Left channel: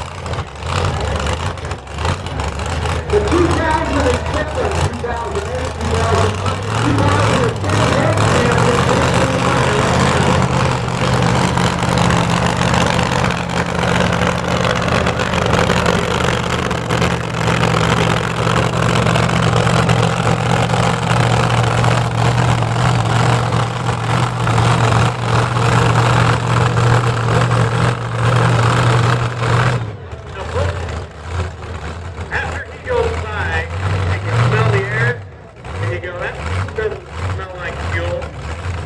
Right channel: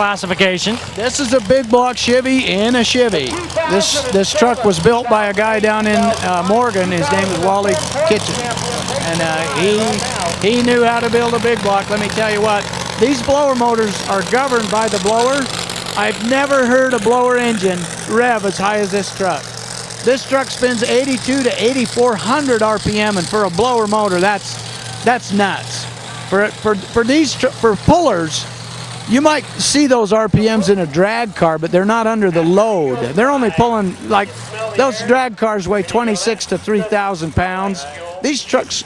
classification. This is a big block Chevy in a Chevy. This truck was built by a guy down in Morgan. His name is Wally Kitchen. And he knew how to build a big block. Let me tell you what, these blower motors are governed by the blower. I've never heard a blower engine rev as high as this truck. This truck spins 82 to 8,400 RPM, and for a blower motor, that's nuts. For pullers, you might see those RPMs in a drag car, but they're not under the load. They're only pulling, like, those drag cars weigh 26 to 3,000 pounds. These trucks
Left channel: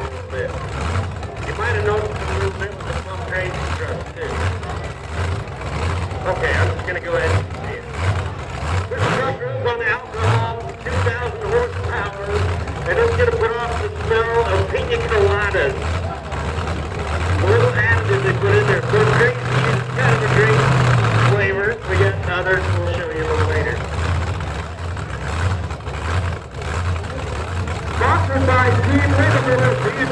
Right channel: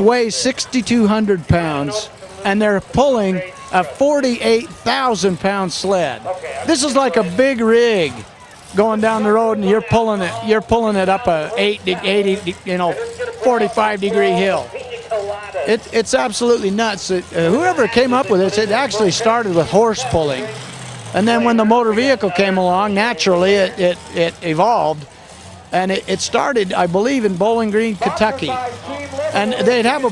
weigh 6,200 pounds, and they're pulling a 48,000 pound sled. This is like a big rig going down the road, and you're pulling it up a 80, 45-degree hill. It's absolutely nuts. Whoever came up with this, it actually started with horse pulling, and then when the motor vehicle came along, naturally it evolved, and it started, I believe, in Bowling Green, Kentucky. And they'd have a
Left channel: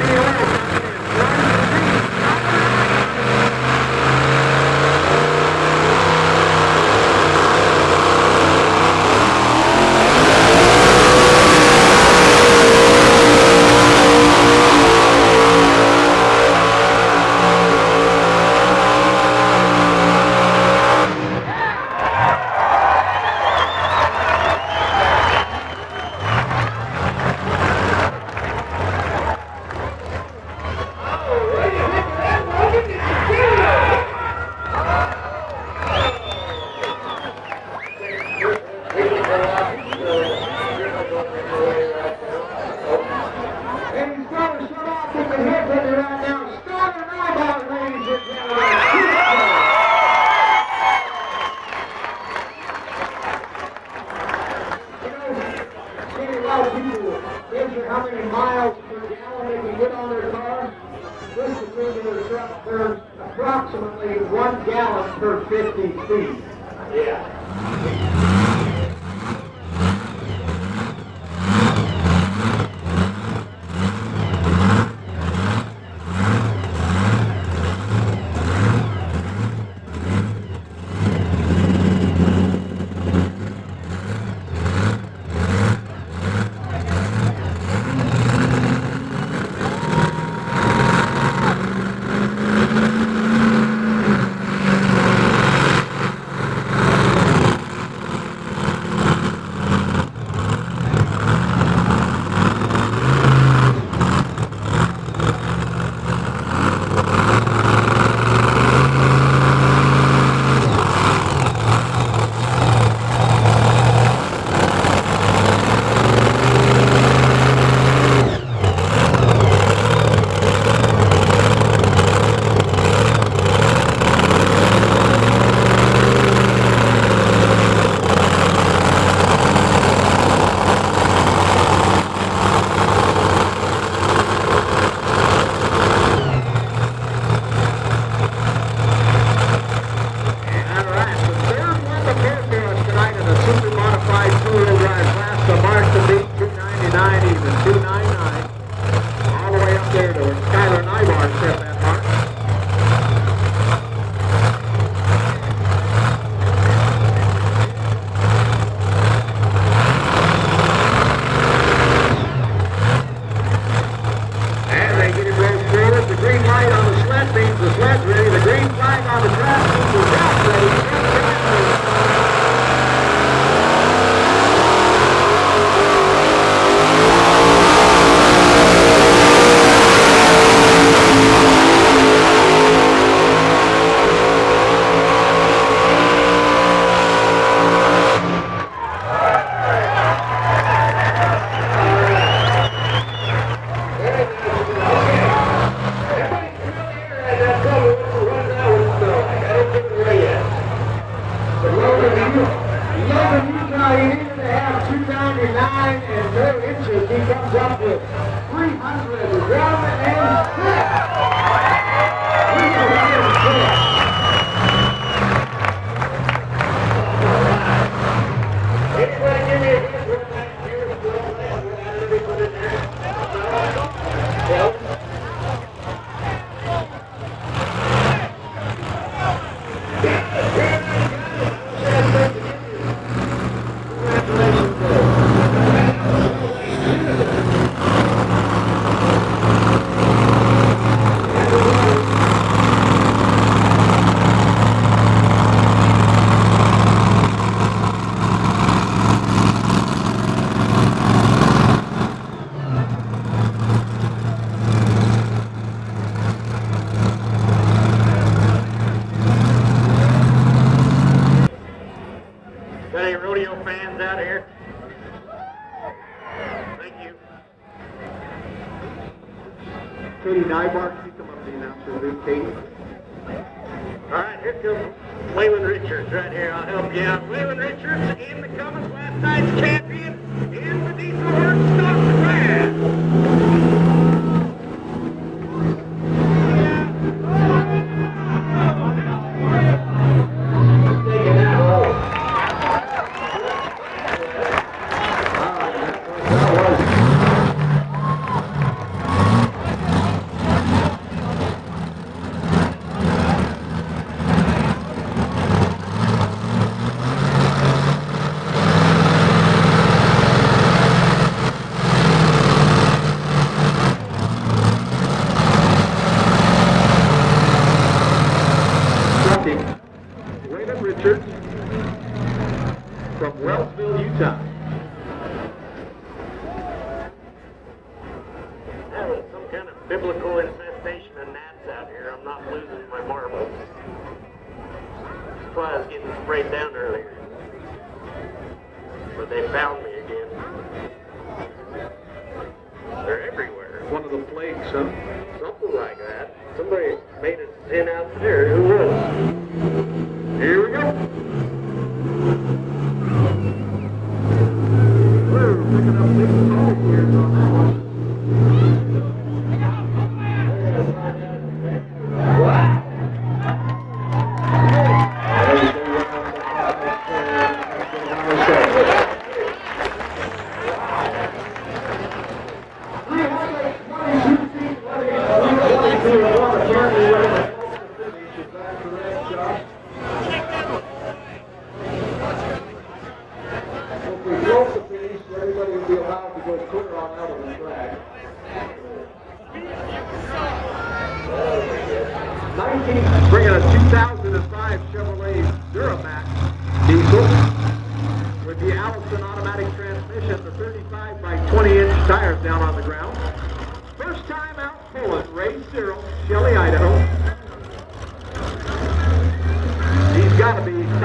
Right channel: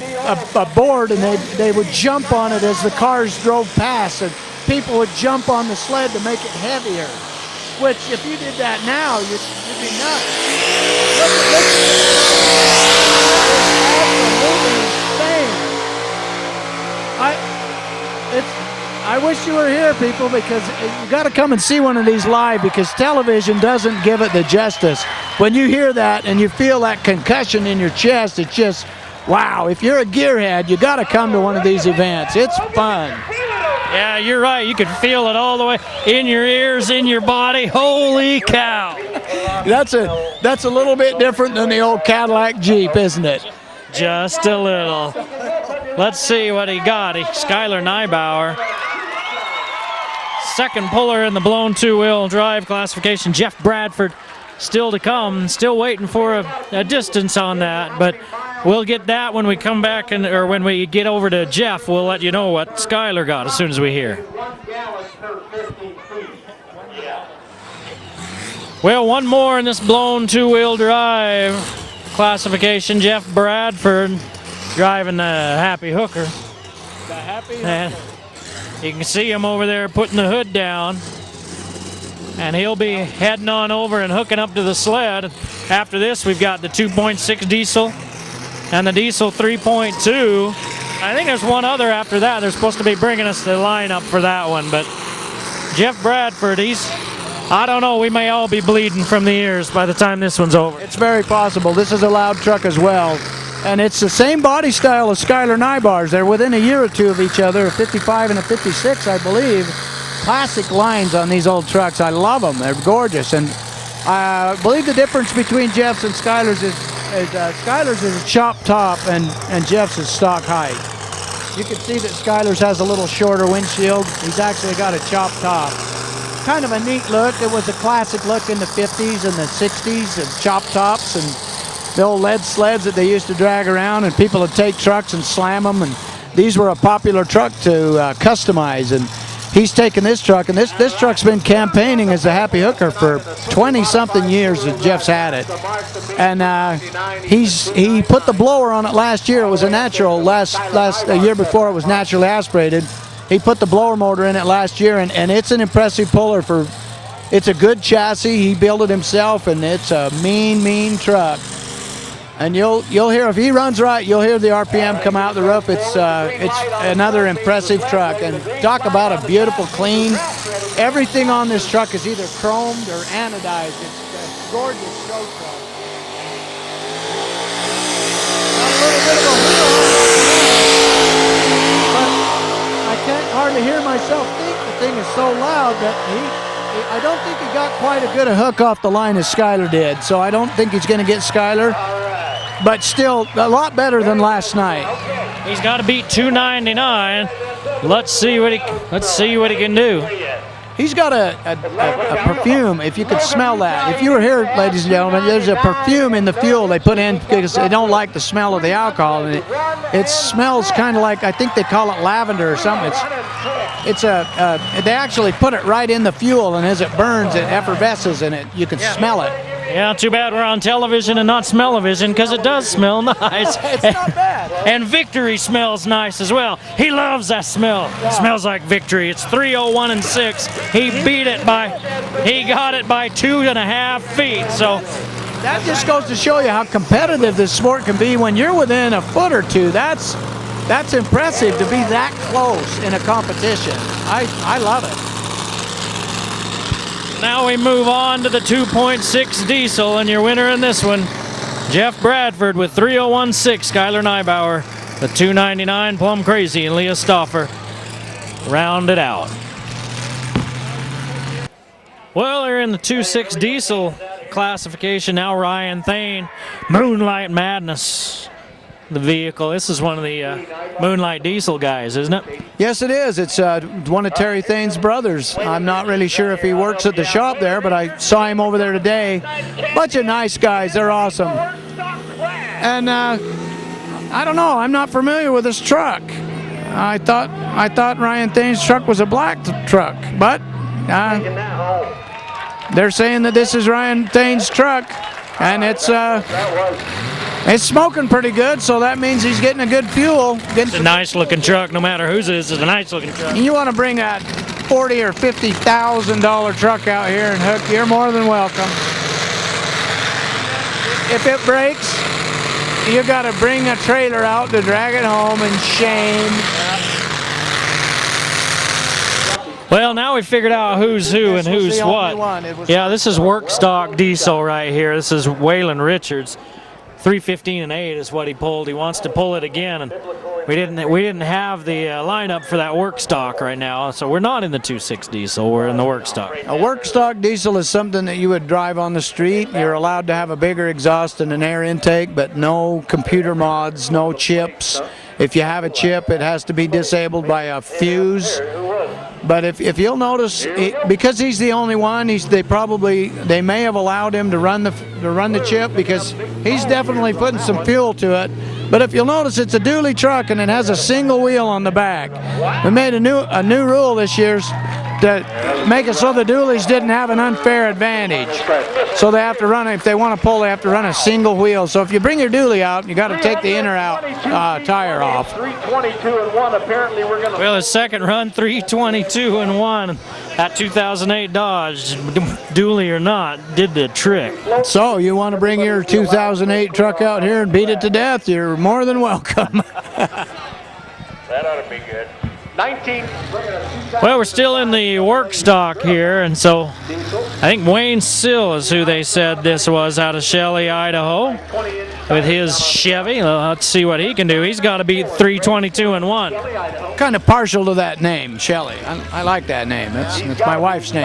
board, and they would jump on it as the cars drove past, and people would jump on the sled and make it heavy. Which, come and see one of these live, because television doesn't give it the justice. When you hear that and you feel that concussion in your chest, it's just, wow. If you're a gearhead, you got to come to one of these events. It's fun. Yeah, you're right. You can feel it all the way in your ears, in your body. Holy cow. That's a little bit different than the old Cadillac Jeep, isn't it? Just a little. Let's see what he got. Skylar Neibauer. Second puller in the blown two-wheel drive classification. Jeff Bradford still to come, still waiting for a distance on that, but we'll get that when we come back, or when we get over to Jeff. We'll let you know what Skylar got as soon as we hear. Well, one more in this blown two-wheel drive classification. Jeff Bradford driving the Happy Hooker. You can see him over there putting the hood down, and he'll be heading on over and hooking up to the sled. After this, we've got the 2.6 diesel and the diesel 3.2. I think there's one other after that. They're supposed to be bringing us the lineup for that one, but Jeff Bradford, I don't know, we may all be bleeding from the ears by the time this one's over. It's very possible. This is a loud truck as well. And it's the same body style as Skylar Neibauer's. They're within a year or two of each other, a 55 and a 56, I believe. Classic lines on these old trucks. I love them. They're gorgeous. And I believe the difference between Jeff's and Skylar's is chop top and Jeff's is stock height. You can see that Skylar's has a little shorter windshield. He's actually got a chop top. Kind of a neat look. It was a classic look in the 50s and the 60s, chop tops. The old lead sleds that they used to drag around, and people would take trucks and slam them. And these were a popular truck to customize, and he's taken this truck, and this truck's been campaigning as a Happy Hooker for 20-something years that Jeff's had it. And he put the blower on it last year. It was a natural. The year before it was naturally aspirated. He put the blower motor in it last year, and it's an impressive puller. It's a good chassis. He built it himself, and it's a mean truck. And you'll hear, if he runs right, you'll hear the RPM come out the roof. It's another impressive truck. And talk about a beautiful, clean. Everything on this truck is either strong. Off the line as Skylar did, so I don't think he's going to get Skylar, but still a lot better than last night. He's got to beat 299. Let's see what he can do. He's got a perfume. If if you could smell that. If you were here, ladies and gentlemen, there's a perfume in the fuel they put in because they don't like the smell of the alcohol. It smells kind of like, I think they call it lavender or something. They actually put it right in the fuel, and as it burns, it effervesces in it. You can smell it. Yeah, too bad we're on television and not smell-o-vision, because it does smell nice. It's not bad. And Victory smells nice as well. He loves that smell. It smells like Victory. It's 3:01.6. He got it by 2.5 feet. So that just goes to show you how competitive this sport can be when you're within a foot or two. That's impressive to be that close in a competition. I love it. now we move on to the 2.6 diesel, and your winner in this one, Jeff Bradford with 3:01.6. Skylar Neibauer, the 299 Plum Crazy, and Leah Stauffer rounded out. Well, they're in the 2.6 diesel classification now. Ryan Thane, Moonlight Madness, the vehicle. This is one of the Moonlight diesel guys, isn't it? Yes, it is. It's one of Terry Thane's brothers. I'm not really sure if he works at the shop there, but I saw him over there today. Bunch of nice guys. They're awesome. And I don't know. I'm not familiar with this truck. I thought Ryan Thane's truck was a black truck, but they're saying that this is Ryan Thane's truck, and it's smoking pretty good, so that means he's getting a good fuel. It's a nice looking truck, no matter whose it is. It's a nice looking truck. You want to bring that $40,000 or $50,000 truck out here, and you're more than welcome. If it breaks, you got to bring a trailer out to drag it home, and shame. Well, now we figured out who's who and who's what. Yeah, this is work stock diesel right here. This is Waylon Richards. 3:15.8 is what he pulled. He wants to pull it again, and we didn't have the lineup for that work stock right now, so we're not in the 2.6 diesel. We're in the work stock. A work stock diesel is something that you would drive on the street. You're allowed to have a bigger exhaust and an air intake, but no computer mods, no chips. If you have a chip, it has to be disabled by a fuse. But if you'll notice, because he's the only one, they may have allowed him to run the chip because he's definitely putting some fuel to it. But if you'll notice, it's a dually truck and it has a single wheel on the back. We made a new rule this year to make it so the dualies didn't have an unfair advantage. So they have to run, if they want to pull, they have to run a single wheel. So if you bring your dually out, you got to take the in or out tire off. Well, his second run, 3:22.1. That 2008 Dodge, dually or not, did the trick. So you want to bring your 2008 truck out here and beat it to death, you're more than welcome. That ought to be good. 19, bring it a Well, we're still in the work stock here, and so I think Wayne Sill is who they said this was, out of Shelley, Idaho, with his Chevy. Let's see what he can do. He's got to beat 3:22.1. Kind of partial to that name, Shelley. I like that name. It's my wife's name.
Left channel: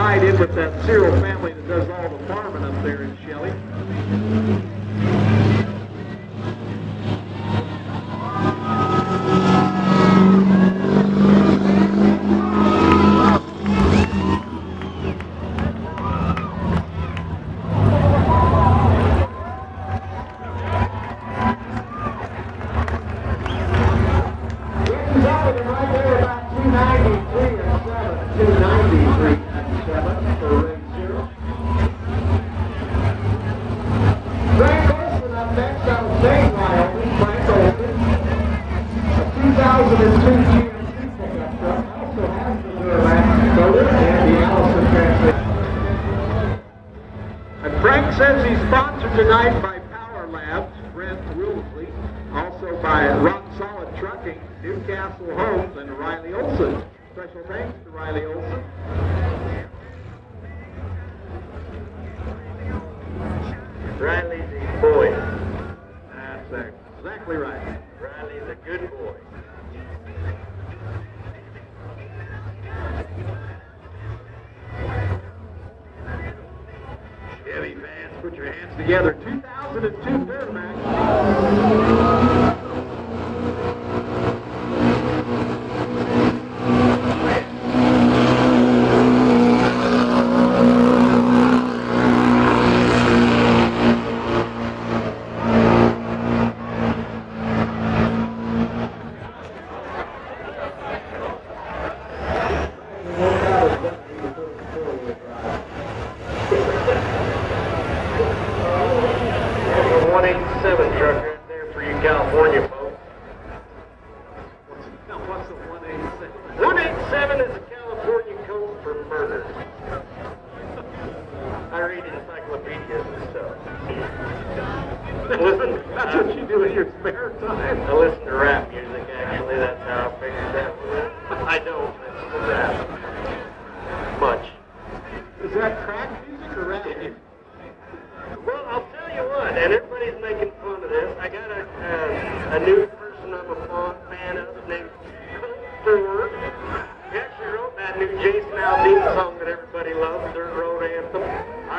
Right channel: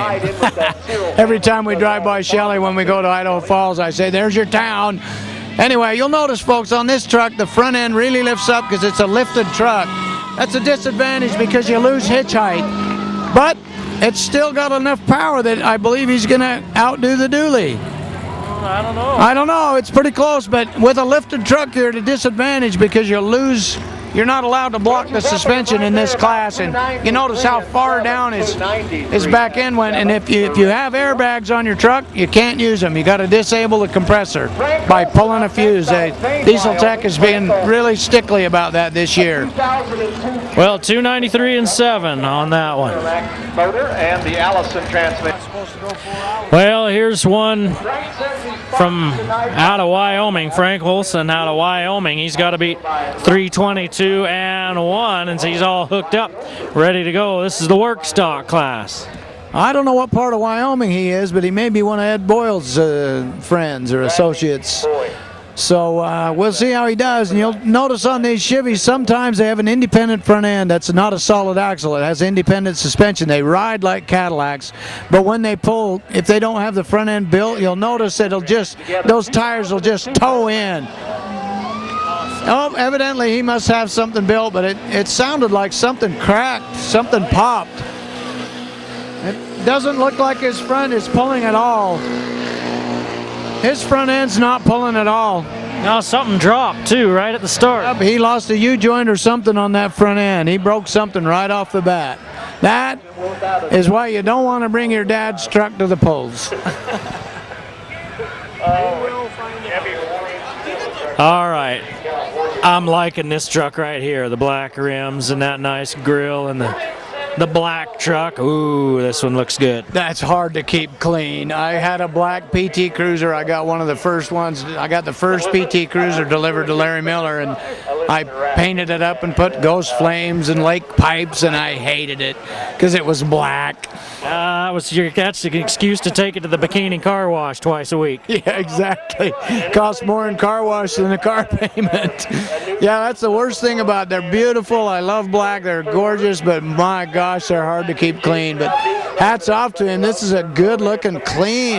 Every time we drive by Shelley when we go to Idaho Falls, I say, there's your town. Anyway, you'll notice, folks, on this truck, the front end really lifts up because it's a lifted truck. That's a disadvantage because you lose hitch height. But it's still got enough power that I believe he's going to outdo the dually. I don't know. It's pretty close, but with a lifted truck, you're at a disadvantage because you're not allowed to block the suspension in this class. And you notice how far down his back end went. And if you have airbags on your truck, you can't use them. You got to disable the compressor by pulling a fuse. Diesel Tech is being really stickly about that this year. Well, 293.7 on that one. And the Allison transmission. Well, here's one from out of Wyoming, Frank Wilson out of Wyoming. He's got to beat 3:22.1, and he's all hooked up, ready to go. This is the work stock class. I don't know what part of Wyoming he is, but he may be one of Ed Boyle's friends or associates. So we'll see how he does. And you'll notice on these Chevys, sometimes they have an independent front end. That's not a solid axle. It has independent suspension. They ride like Cadillacs. But when they pull, if they don't have the front end built, you'll notice those tires will just toe in. Oh, evidently he must have something built, but it sounded like something cracked, something popped. Doesn't look like his front is pulling at all. end's not pulling at all. Now something dropped too, right at the start. He lost a U-joint or something on that front end. He broke something right off the bat. That is why you don't want to bring your dad's truck to the polls. All right, I'm liking this truck right here. The black rims and that nice grill and the black truck. Ooh, this one looks good. That's hard to keep clean. I had a black PT Cruiser. I got one of the first ones. I got the first PT Cruiser delivered to Larry Miller, and I painted it up and put ghost flames and lake pipes, and I hated it because it was black. That's the excuse to take it to the bikini car wash twice a week. Yeah, exactly. Costs more in car wash than the car payment. Yeah, that's the worst thing about it. They're beautiful. I love black. They're gorgeous, but my gosh, they're hard to keep clean. But hats off to him. This is a good-looking, clean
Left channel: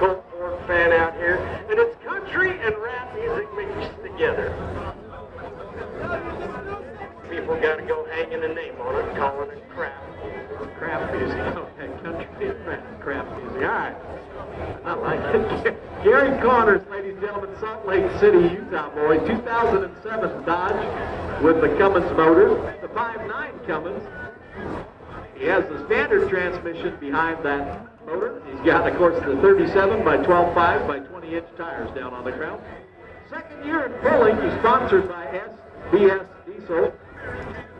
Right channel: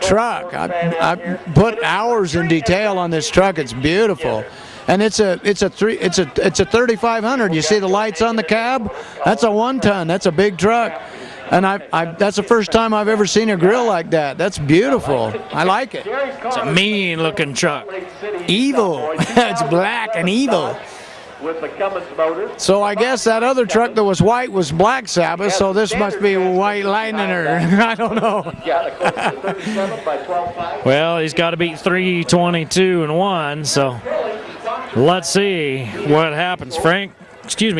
truck. I put hours in detail on this truck. It's beautiful. And it's a 3500. You see the lights on the cab? That's a 1-ton. That's a big truck. And that's the first time I've ever seen a grill like that. That's beautiful. I like it. It's a mean-looking truck. Evil. It's black and evil. With the Cummins motor. So I guess that other truck that was white was Black Sabbath, so this must be White Lightning, or I don't know. Yeah, close to 37 by 12.5. Well, he's got to beat 3:22 and 1, so let's see what happens.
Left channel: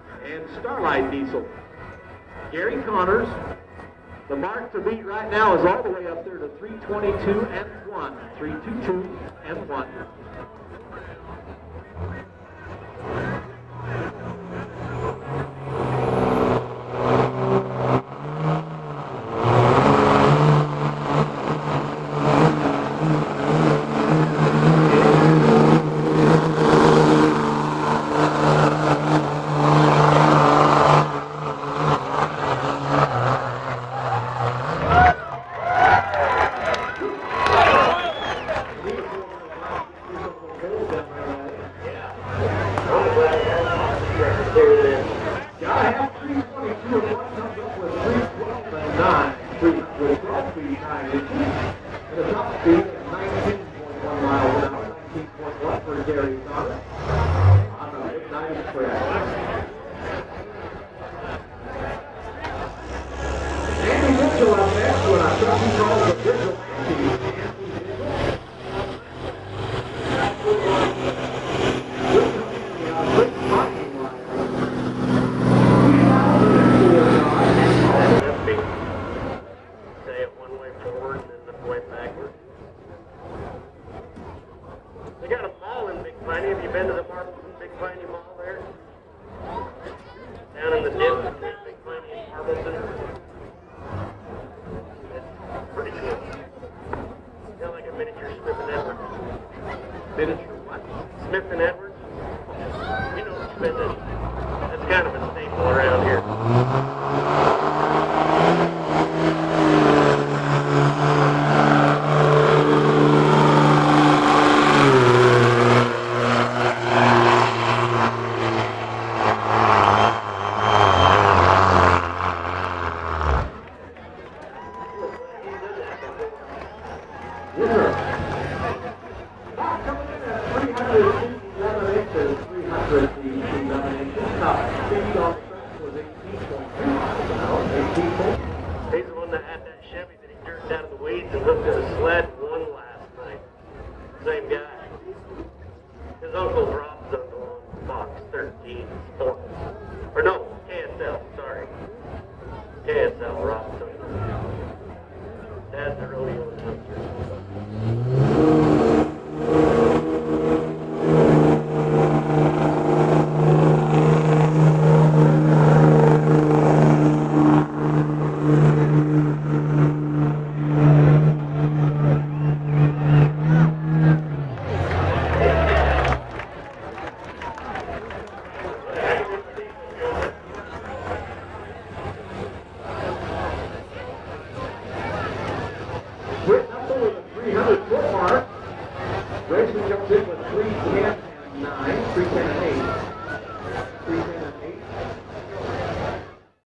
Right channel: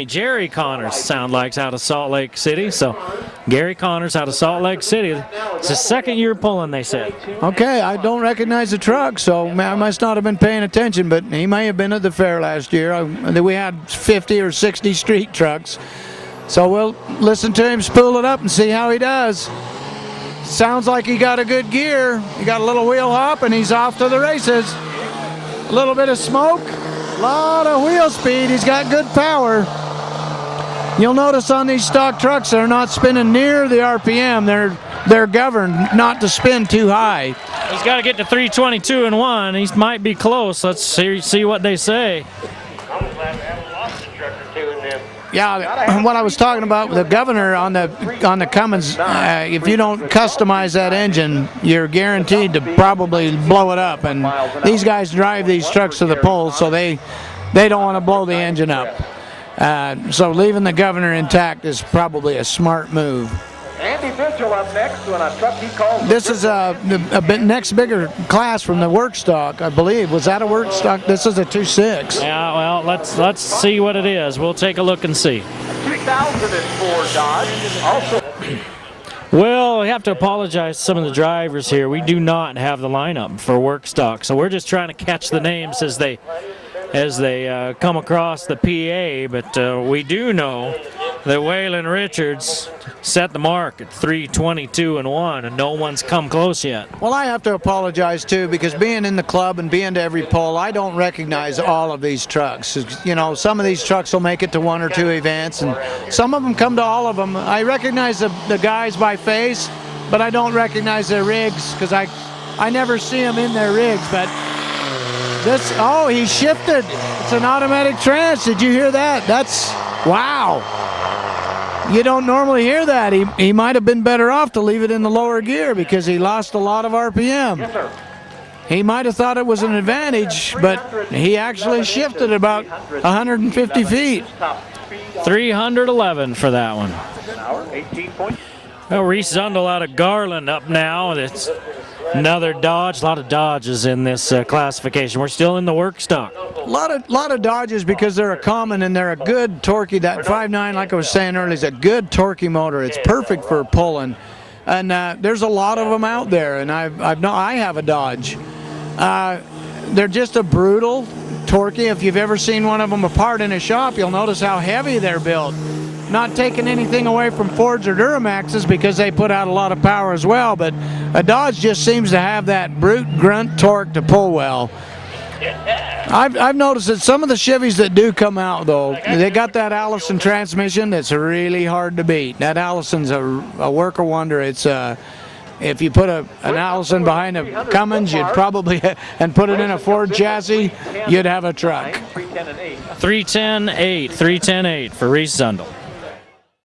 Jerry Connors sound like's out of Salt Lake City. So Gary Connors out of Salt Lake City. It's his second year pulling, they say. Okay, I don't recognize the truck, so I must not have been paying attention, but he may have been at the fair last year. We had 50 or 60 street trucks. So we'll listen to him spool it up and see how he does. Sounds like he got a good gear. He got a little wheel hop, and he's off to the races. A little bit of smoke, a lot of wheel speed. He's got good power. You'll notice on these stock trucks, they're not spinning near the RPM. They're governed not to spin too high. He's got to get to 3:22 and 1. He might be close. Let's see what they say. Yeah, what I was talking about, the governor on the Cummins, if you don't customize that engine, you're guaranteed to probably blow it up. And these guys drive these trucks to the polls, so they don't want to blow the engine up. So leaving the governor intact is probably a smart move. Andy Mitchell up next when I thought you called. This is a next bigger class from the work stock, I believe. Was that a work stock? This is a 2.6. Yeah, well, let's see what it is. We'll take a look and see. 2004 Dodge. Well, we have to apologize to some of the drivers here. We do not have the lineup for work stock, so we're just trying to catch the names as they come across the PA. But we do know that Waylon Richards set the mark at 3:22 and 1, and no one's come close yet. Well, I have to apologize too, because being in the club and being to every poll, I don't recognize all of these trucks. You know, some of these trucks will make it to 1 or 2 events, and some of them come to all of them. I recognize the guys by face, but I don't recognize their rigs because I never see them in their rigs. But he shifted. It's an automatic trans. Did you hear that? That's wow. You don't normally hear that. He might have been better off to leave it in the lower gear because he lost a lot of RPM. He might have thought it was an advantage, but he actually shifted about 150 feet. 311 for that one. Well, Reese Zundel out of Garland up now. It's another Dodge. A lot of Dodges in this classification. We're still in the work stock. A lot of Dodges because they're a common and they're a good torquey. That 5.9, like I was saying earlier, is a good torquey motor. It's perfect for pulling. And there's a lot of them out there, and I have a Dodge. They're just a brutal torquey. If you've ever seen one of them apart in a shop, you'll notice how heavy they're built. Not taking anything away from Fords or Duramaxes because they put out a lot of power as well, but a Dodge just seems to have that brute grunt torque to pull well. I've noticed that some of the Chevys that do come out, though, they got that Allison transmission that's really hard to beat. That Allison's a work of wonder. It's if you put an Allison behind a Cummins, you'd probably, and put it in a Ford chassis, you'd have a truck. 310.8 for Reese Zundel.